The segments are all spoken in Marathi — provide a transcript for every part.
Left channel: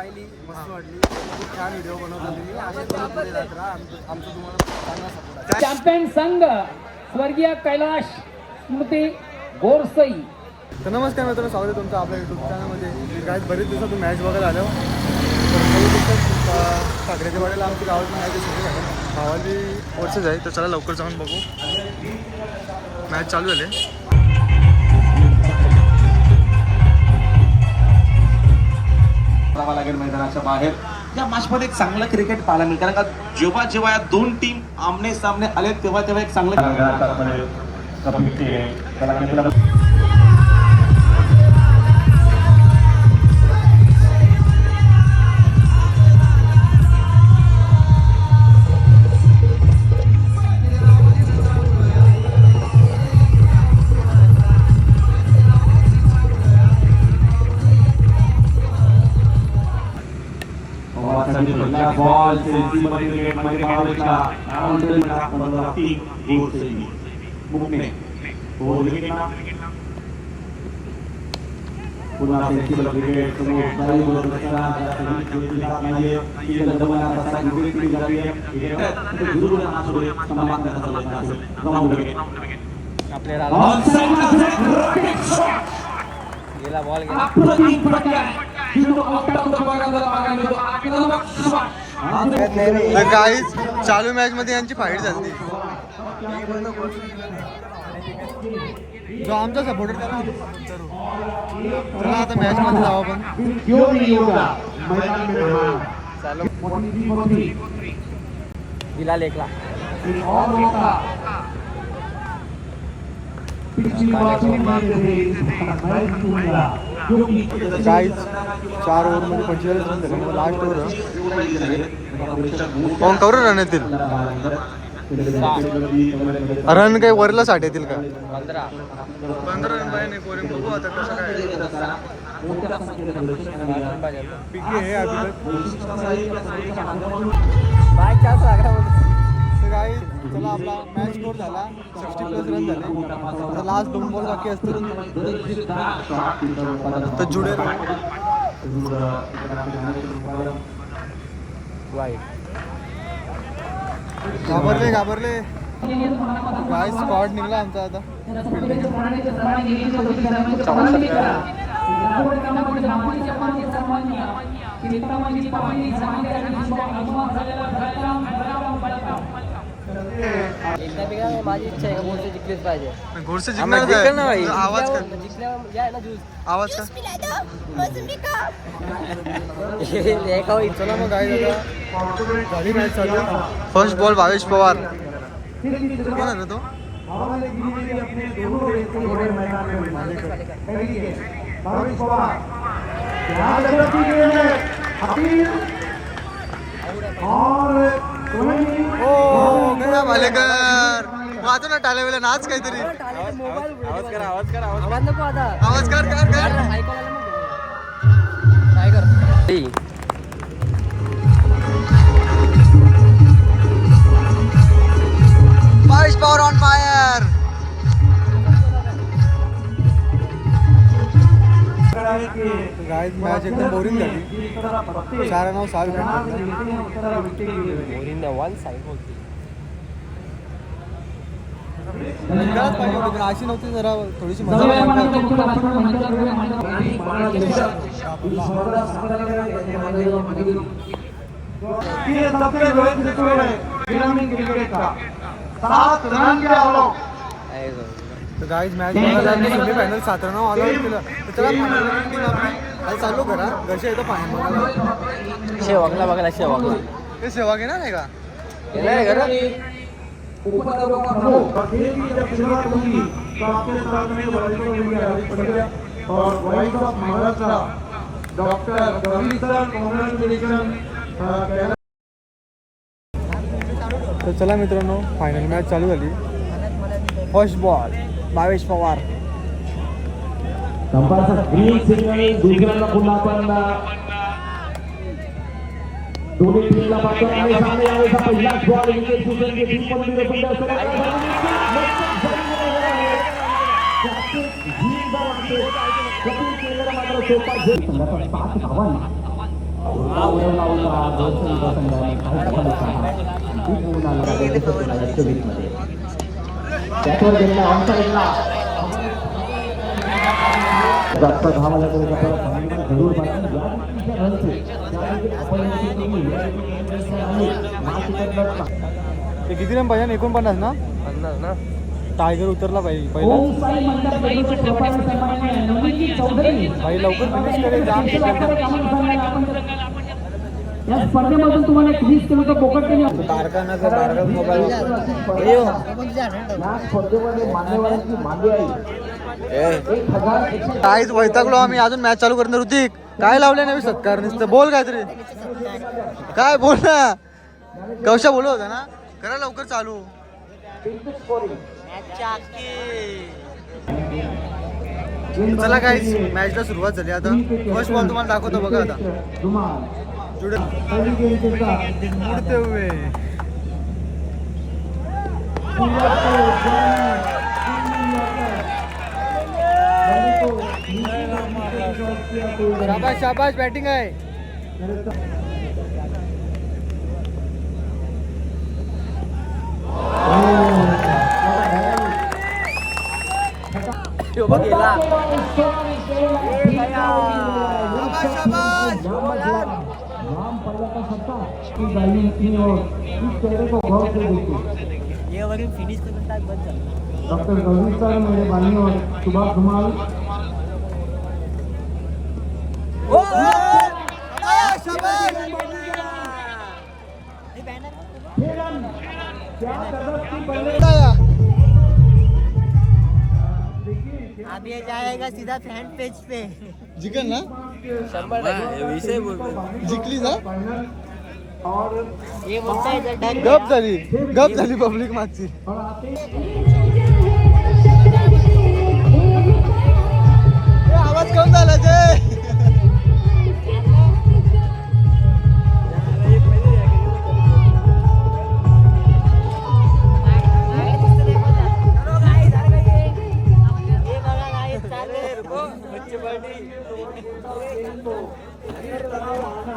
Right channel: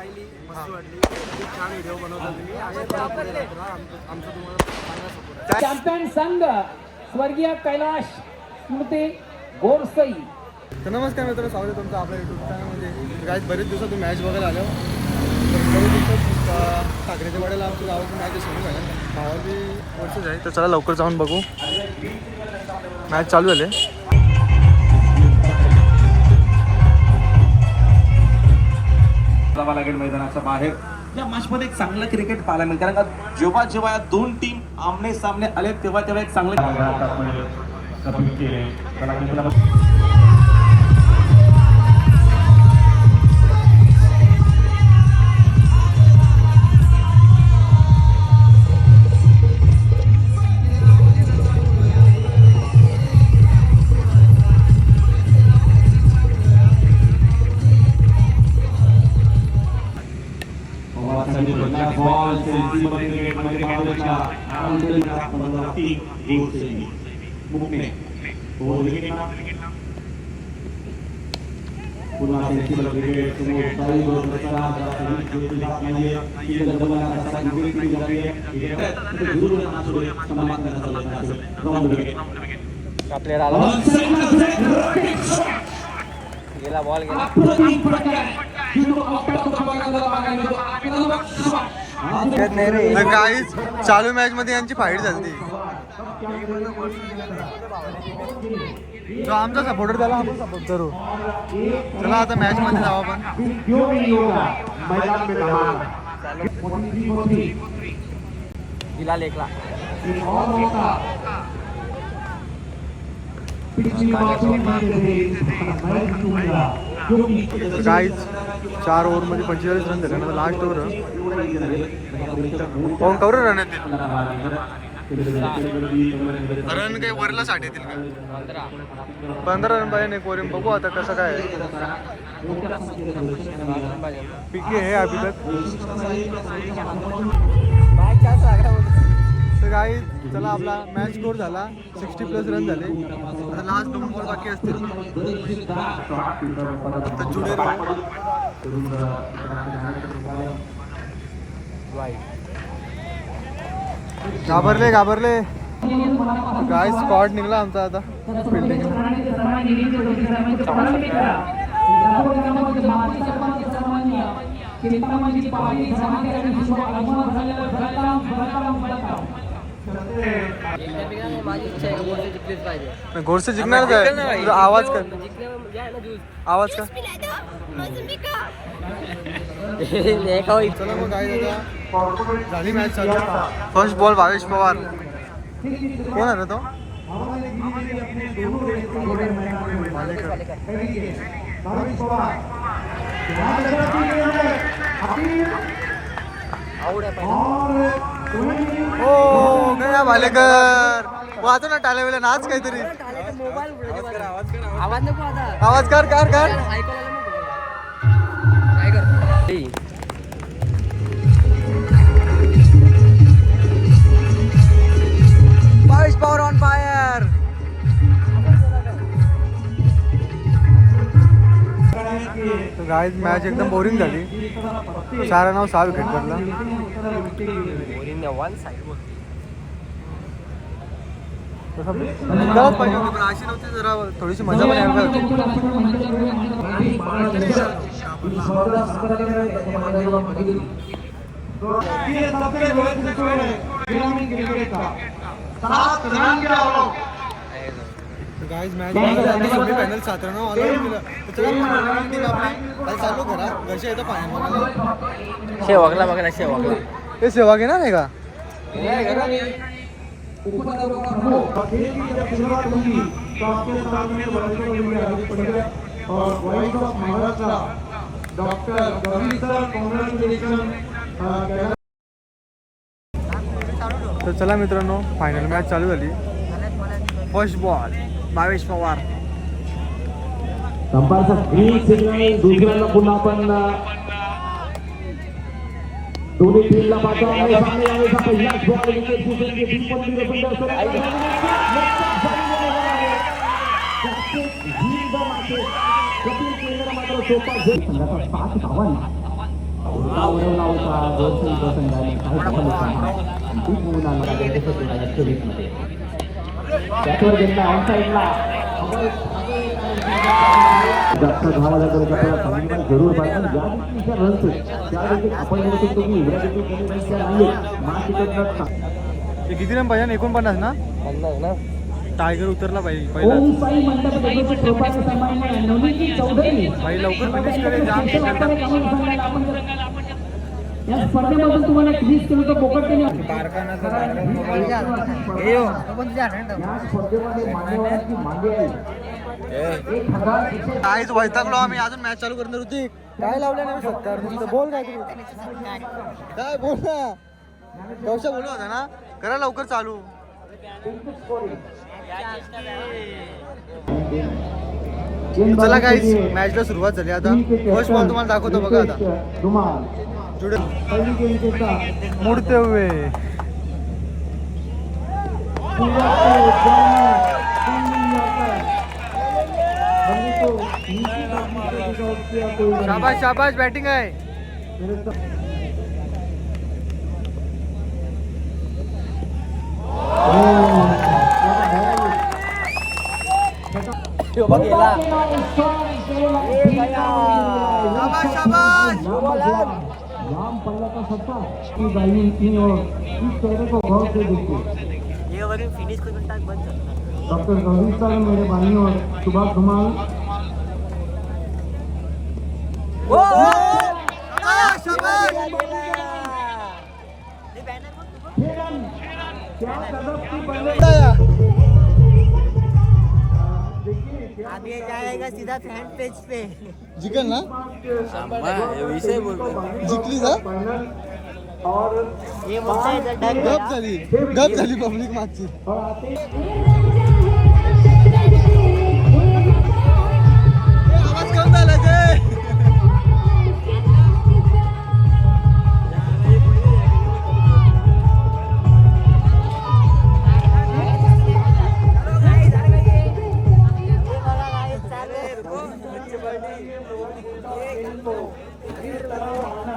पाहिली, मस्त वाटली. खूप छान व्हिडिओ बनवतो तुम्ही. अशा पुढे जात राहा. आमचं तुम्हाला चांगला सपोर्ट आहे. चॅम्पियन संघ स्वर्गीय कैलाश स्मृती गोरसई. तर नमस्कार मित्रांनो, स्वागत आहे तुमचं आपल्या यूट्यूब चॅनलमध्ये. काय बरेच दिवसातून मॅच बघायला आलो. तर बरेच दिवसात ठाकरेच्या वाड्याला आमच्या गावाची मॅच असेल मॅडम. भावाली वर्षच आहे, तर चला लवकर जाऊन बघू. मॅच चालू झाले. लागेल मैदानाच्या बाहेर. या मॅचमध्ये एक चांगलं क्रिकेट पाहायला मिळतं, कारण का जेव्हा जेव्हा या दोन टीम आमने सामने आले तेव्हा तेव्हा एक चांगलं बॉल तर काहीच चालू मॅच मध्ये यांची फाईट झाली. जो आमचा सपोर्टर त्याला आपण सपोर्ट करू. चला आता मॅच मध्ये जाऊ आपण. काहीच 4 ओव्हरमध्ये 45 रन झाले. लास्ट ओव्हर कोण करू रन येतील. रन काही वरला 60 येतील का. 15 रन पाहिजे नाही कोरिम. बघू आता कसं काय पिके आहे अभी तक. तर काही चला आपला मॅच स्कोर झाला. 60+ रन झाले. आता लास्ट 2 बॉल बाकी असतील. तर जुडे राहू. घाबरले काय स्क्वॉड निघला आमचा आता फिल्डिंग. गोरसे जिंकणारच आहे. आवाज कर. आवाज का. चला मग काय दादा झाली मॅच चालू. First ball Bhavesh Pawar. कोण आहे तो. ओ गया भालेकर. वाचो ना टाळ्या वेळेला नाच काहीतरी. आवाज नको आता. आवाज कर कर कर. काय कर. Bhavesh Pawar on fire. Guys match एकदम बोरिंग झाली. 4 रन 6 विकेट पडला. जिंकायलाच पाहिजे होती पण अशी नव्हती. जरा थोडीशी मजा पण यायला गाइस मॅच बघायला semi final 7 run all out केलं. तर चला फायनल टीम आपली काल चालू करा. घरचे येतो फायनल बघायला. शेवागला बघायला. शेवागला हे सेवा घेणार नाही का. तर चला मित्रांनो फायनल मॅच चालू झाली. First ball Bhavesh Pawar. दोन्ही टीमला पहिलाच बॉल हा उडवला होता गोरसईचा संघाने त्याच्यावर गेलेला ऑन साईडला डॉक्टर भावाला जरूर ते किती रन पाहिजे 49 ना टायगर उतरला पाहिजे पहिला भाई लवकर फिनिश करे जाम या स्पर्धेमधून तुम्हाला 20 किलोचं बोकड केले या स्पर्धेमध्ये मान्यवरांची मांडी आहे 1000 काहीच वैतागलो आम्ही अजून मॅच चालू करणार होती काय लावले नाही सत्कार नुसतं बोल काय तरी काय बोल ना कौशा बोलत होता ना करा लवकर चालू चला गाईज मॅचला सुरुवात झाली आता फर्स्ट बॉल तुम्हाला दाखवतो बघा आता जुडे मुडते हुए शाबाश शाबाश बॅटिंग आहे शाबाश शाबाश डॉक्टर गौरी सर मेरे बानियों सुभाष धुमाल अब ये जाएगा सीधा फ्रंट पेज पे जिकल ना जिंकली ना ये मुझसे गप झाली पब्लिक मागची आवाज कमी झाला ते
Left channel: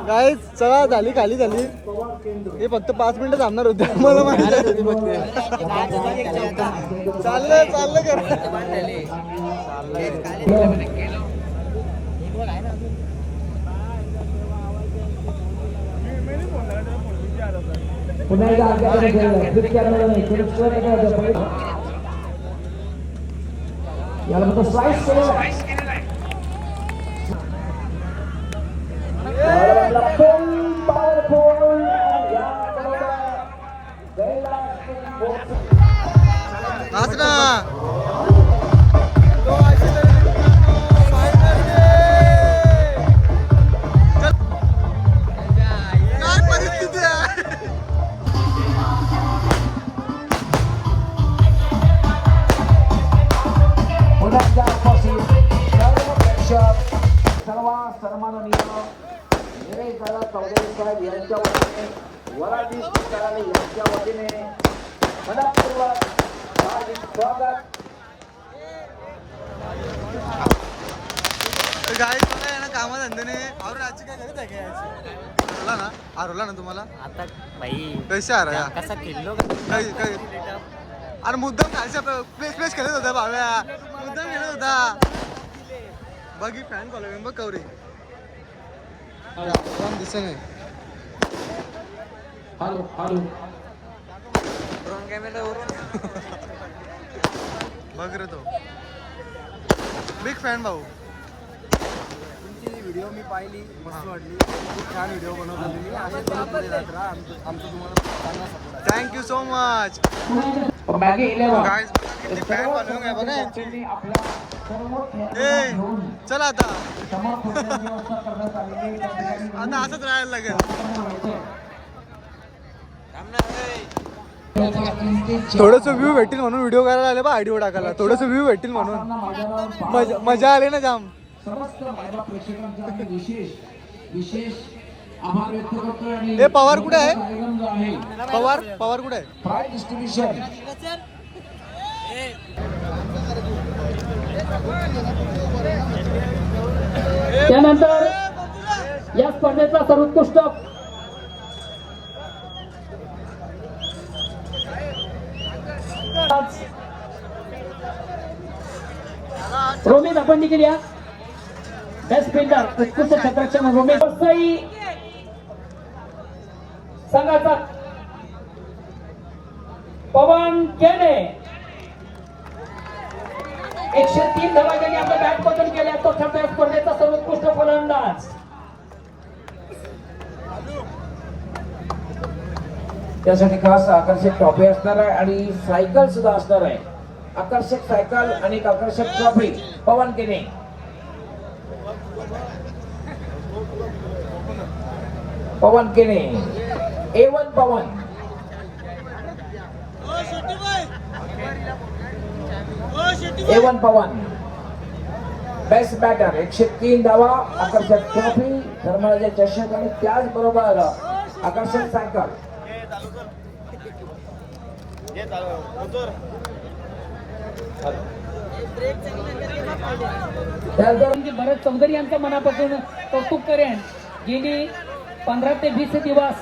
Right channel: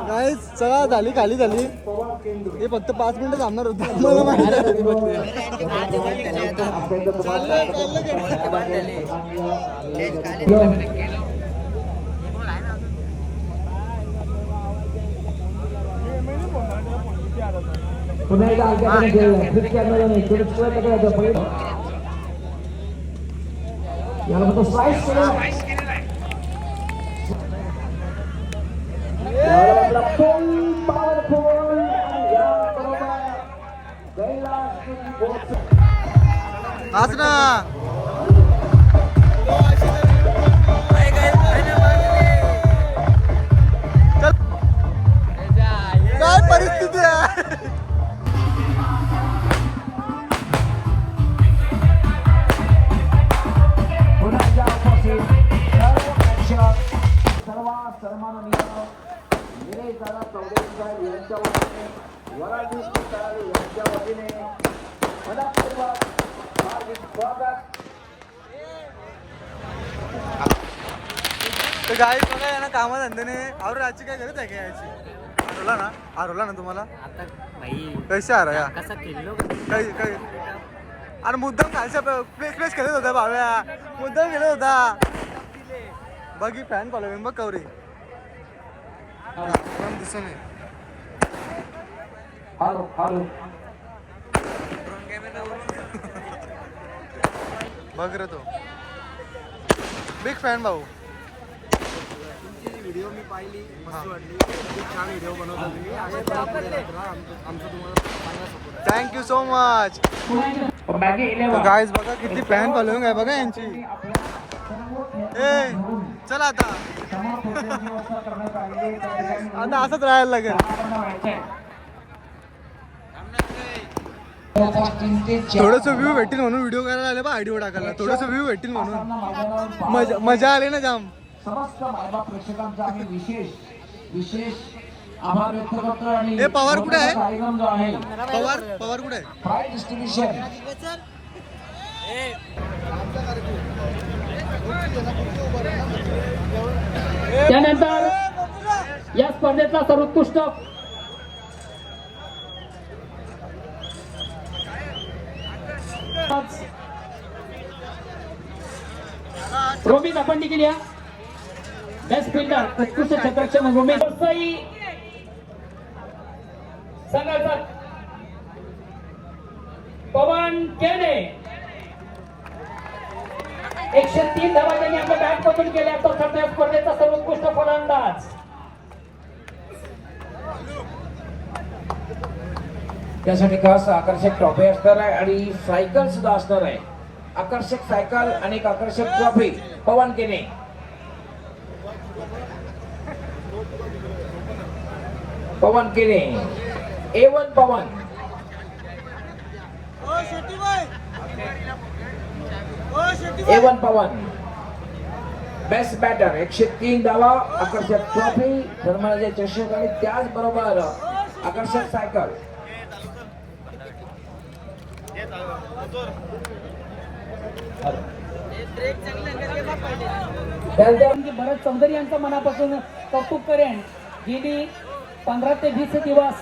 गाईज चला झाली खाली झाली हे फक्त 5 मिनिटं थांबणार होते मला माहिती चाललं याला फक्त स्लाइस केलं नाच ना काय परिस्थिती आहे तर गाईज बघा या ना कामाधंद्याने और आजची काय गरज आहे का याची हरवला ना तुम्हाला आता भाई कैसे आ रहा कसा खेळलो काही अरे मुद्दाम खालच्या प्लेस खेळत होता भाव्या मुद्दाम खेळत होता बघी फॅन फॉलोविंग बघ कवरी दिसत नाही बघ रे तो बिग फॅन भाऊ तुमची व्हिडिओ मी पाहिली मस्त वाटली खूप छान व्हिडिओ बनवता तुम्ही अशा तुम्ही पुढे जात राहा आमचं तुम्हाला चांगला सपोर्ट थँक्यू सो मच मागे 11 गाईज बघा किती फॅन फॉलोइंग आहे बघा यांची ए चल आता आता असंच राहायला लागेल थोडस व्ह्यू भेटतील म्हणून व्हिडिओ करायला आले बा आयडिओ टाकायला थोडस व्ह्यू भेटतील म्हणून मजा आली ना जाम समस्त मायबाप प्रेक्षकांचा आम्ही विशेष आभार व्यक्त करतो आणि हे पवार कुठे आहे कार्यक्रम जो आहे पवार कुठे आहे प्राइज डिस्ट्रीब्युशन त्यानंतर या स्पर्धेचा सर्वोत्कृष्ट रोमिन आपण देखील या बेस्ट फिल्डर उत्कृष्ट क्षेत्ररक्षण रोमिन संघाचा पवन केने 103 धावा त्यांनी आपल्या बॅट पतन केल्या तो सध्या स्पर्धेचा सर्वोत्कृष्ट फलंदाज त्यासाठी खास आकर्षक ट्रॉफी असणार आहे आणि सायकल सुद्धा असणार आहे. आकर्षक सायकल आणि एक आकर्षक ट्रॉफी पवन केने. पवन केने A1 पवन. A1 पवन बेस्ट बॅटर 103 धावा आकर्षक ट्रॉफी धर्माचे चषक आणि त्याचबरोबर आकर्षक सायकल. भरत चौधरी यांचं मनापासून कौतुक करेन. गेली 15 ते 20 दिवस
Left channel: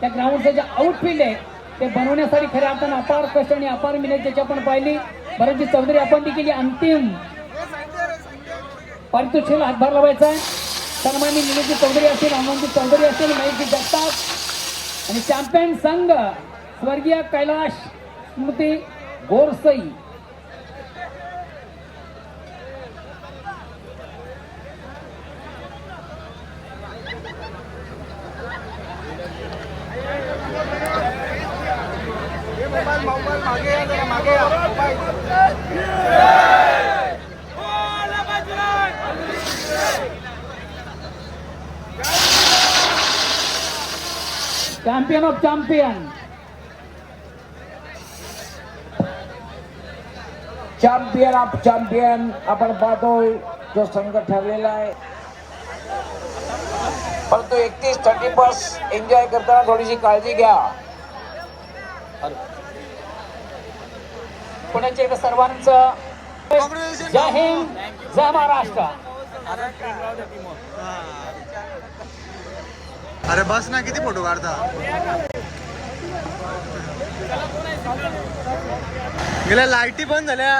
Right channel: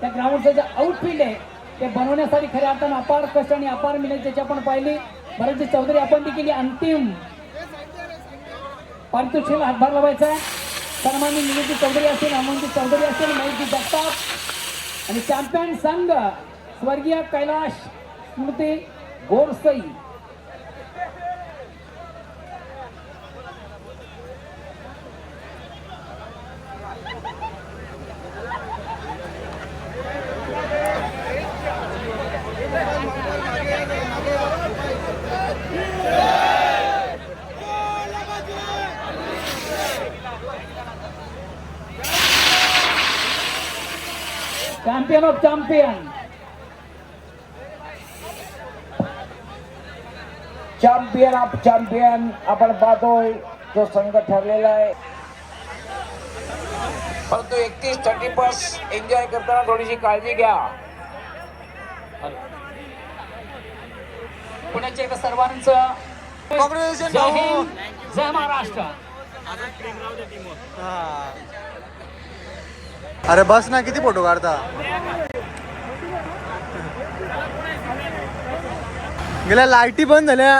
त्या ग्राउंडचे जे आउटफील्ड आहे ते बनवण्यासाठी खऱ्या अर्थानं अपार कष्ट आणि अपार मेहनत त्याची आपण पाहिली. भरतजी चौधरी आपण देखील अंतिम पारितोषिक हातभार लावायचा. सन्माननीय निलेशजी चौधरी असतील, अमोलजी चौधरी असतील, महेशजी जगताप आणि चॅम्पियन संघ स्वर्गीय कैलाश स्मृती Gorsai. Champion of champion champion of champion आपण पाहतोय जो संघ ठरलेला आहे. परंतु 31-30 एन्जॉय करताना थोडीशी काळजी घ्या. पुण्याचे सर्वांचं कॉंग्रॅच्युलेशन जय हिंद जय महाराष्ट्र. अरे बस ना, किती फोटो काढता. गेल्या लाईटी बंद झाल्या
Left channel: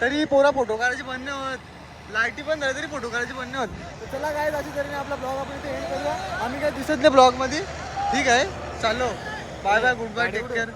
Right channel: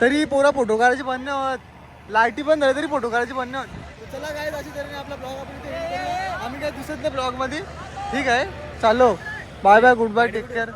तरी पुरा फोटो काढायची बंद नाही होत. लाईटी बंद झाल्या तरी फोटो काढायची बंद नाही होत. तर चला काय अशी तऱ्हेने आपला ब्लॉग आपण इथे एंड करूया. आम्ही काय दिसत नाही ब्लॉग मध्ये. ठीक आहे, चालो. Bye bye, goodbye, take care.